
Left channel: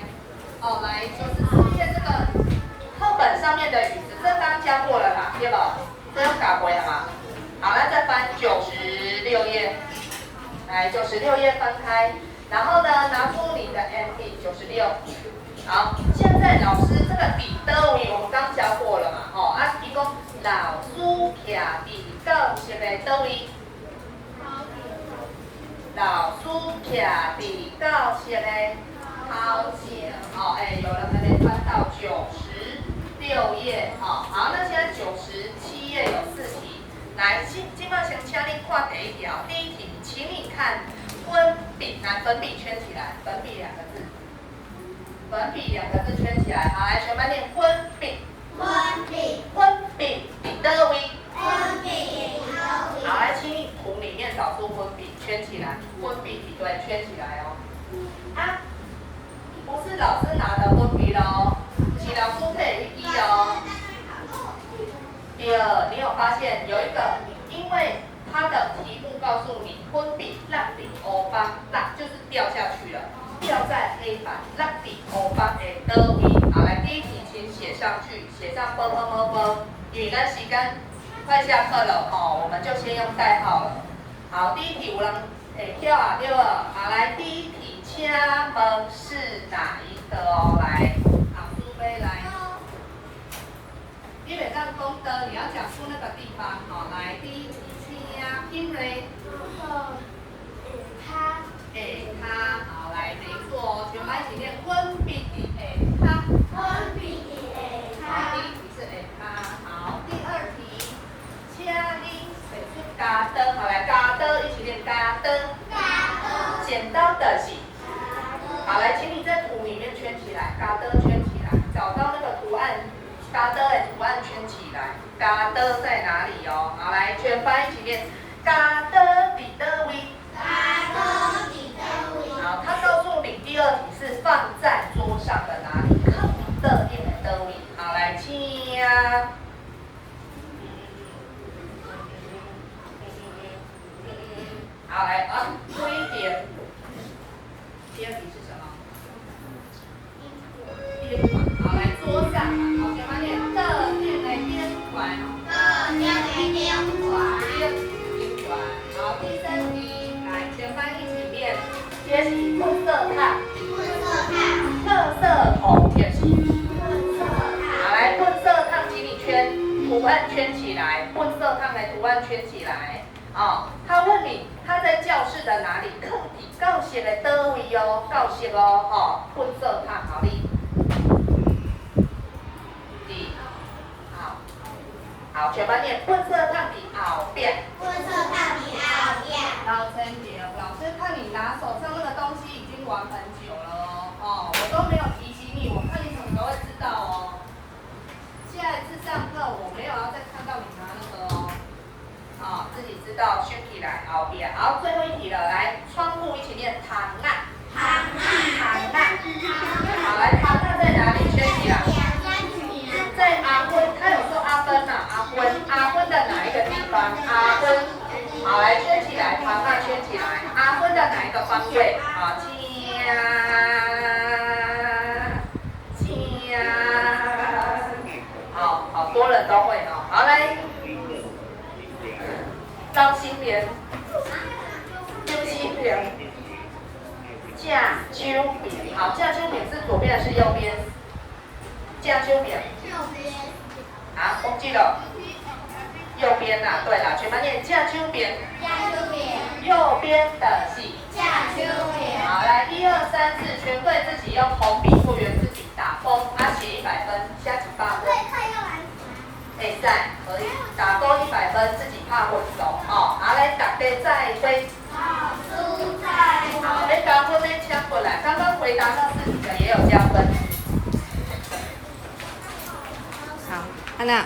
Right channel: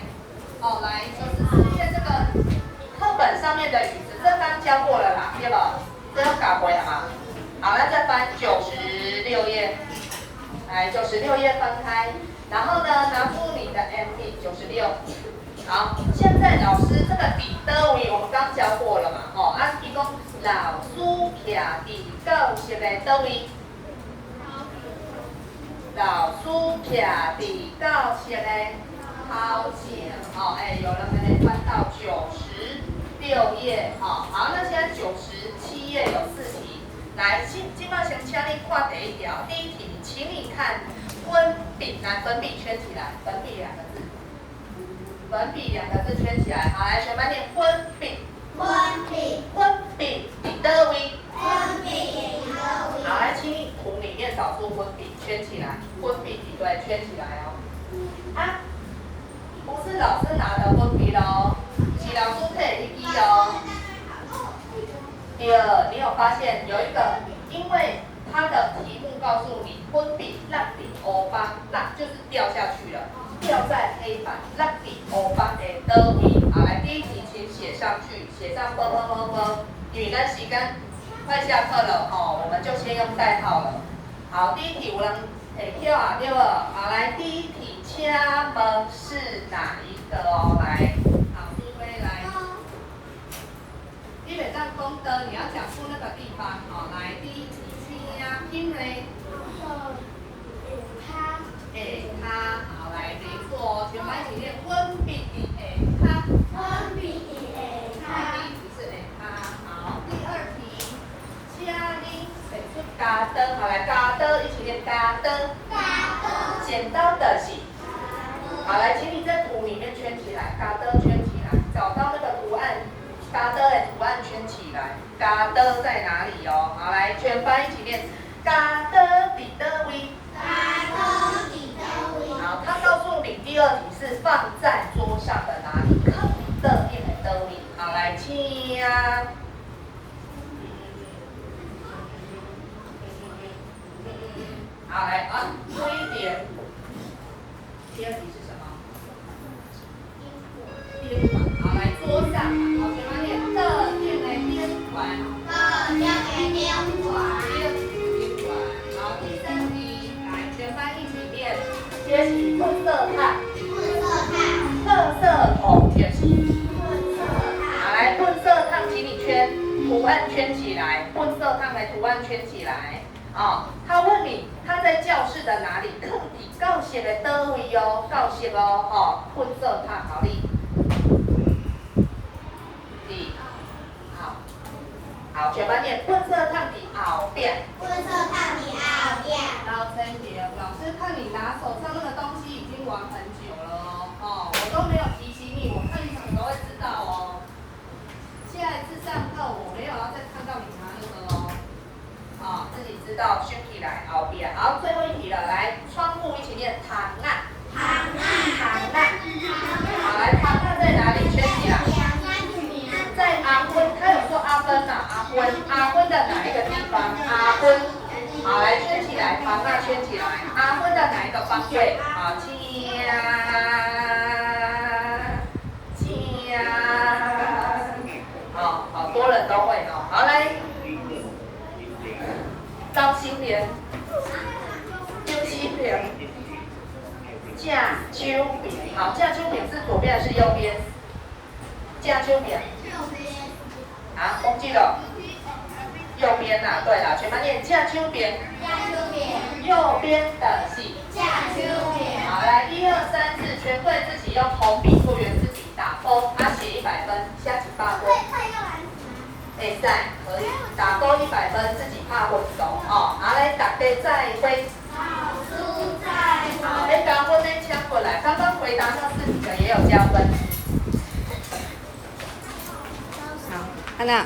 哦来，94页这个课本上面的语词，这刚教过了啦，对不？这要改回了吗？好，那再翻96页，来96页翻开，然后呢，拿出你的 MP96。好，现在老师这个伫倒位我们刚教过了嘛，哦，啊，伊讲老师徛伫教室的倒位？老师徛伫教室的头前，哦，哎，有人还没翻到96页，哦，好，那现在97页有4题，来，今麦先请你看第一条，第一题，请你看粉笔，拿粉笔圈起来，粉笔2个字，粉笔2个字圈起来，好，来，全班念粉笔，粉笔，粉笔伫倒位？粉笔伫倒位？好，来，请你图里面找出粉笔，圈起来，粉笔比对，圈起来哦。啊，不是老师拿的粉笔咯，是老师配的笔哦。第二，你有发现有一个，因为它的题目告诉你粉笔落伫黑板，落就是掉下去了，掉在黑板，落伫黑板的倒位。好，来，第一题请写上去，写上啵啵啵啵。因为咱时间快下课了哦，我们就先用代号了。好，第一题有人会跳啊，对不？好，来，第一题，请问是哪一个哦？来，好，苏菲来。你袂当讲的，你要讲出那个地方。好，来，第一题，请金瑞。他。下骹，好，来，没错哦，全班一起念粉笔伫下骹。粉笔伫下第一题是下骹。好，第二题，请你写出加灯，好来加灯，一起念加灯。剪刀的是，好来，请你在图里面圈起来，加灯圈起来，找到那个图案，加灯的图案圈起来，加灯在哪里哦？好来，全班一起念，加灯伫倒位？好，他告诉你第二题是放在桌上的哪里？课本的面的倒位。好来，请呀。好，来啊，多一点。第二题是什么？边管。好，来桌上。好，全班念特定的边管。边管。好，第三题，来全班一起念。贴起混色烫。特色桶贴起。好，来混色烫，请你圈图案圈起来，混色烫的图案圈起来。哦，他问你他在教室的哪里？课底教室的倒位哦，教室哦，哦，混色烫好哩。好，好，全班念混色烫的后边。老陈姐，老师看你拿手上那个东西已经玩很久了哦，哦，我都没有提醒你，我看你什么时候会知道哦。下一次上课我没有要再看到你拿那个。道收起来后边。好，最后一题了，来，窗户一起念糖啊。糖啊。好，来，糖啊在哪里？圈起来。在阿昏，他有说阿芬嘛？阿昏的哪一个地方？阿昏。好，来圈起来，糖啊圈起来。阿昏的哪一个方位？好，好多人都会哦。好，来，张新莲，张新莲，架秋棉。好，架秋棉是左边还是右边？架秋棉。啊，忘记了。右边呐，对了，全班念架秋棉。右边的是架秋棉。好，来，1、2、3、4，全队自己用红笔复原自己打勾，写100分，下次8分。会使，可以打勾100分，自己拍分数哦。好，来，大家再会。好，要加分的请过来。刚刚回答那4题的也有加分。好，安娜。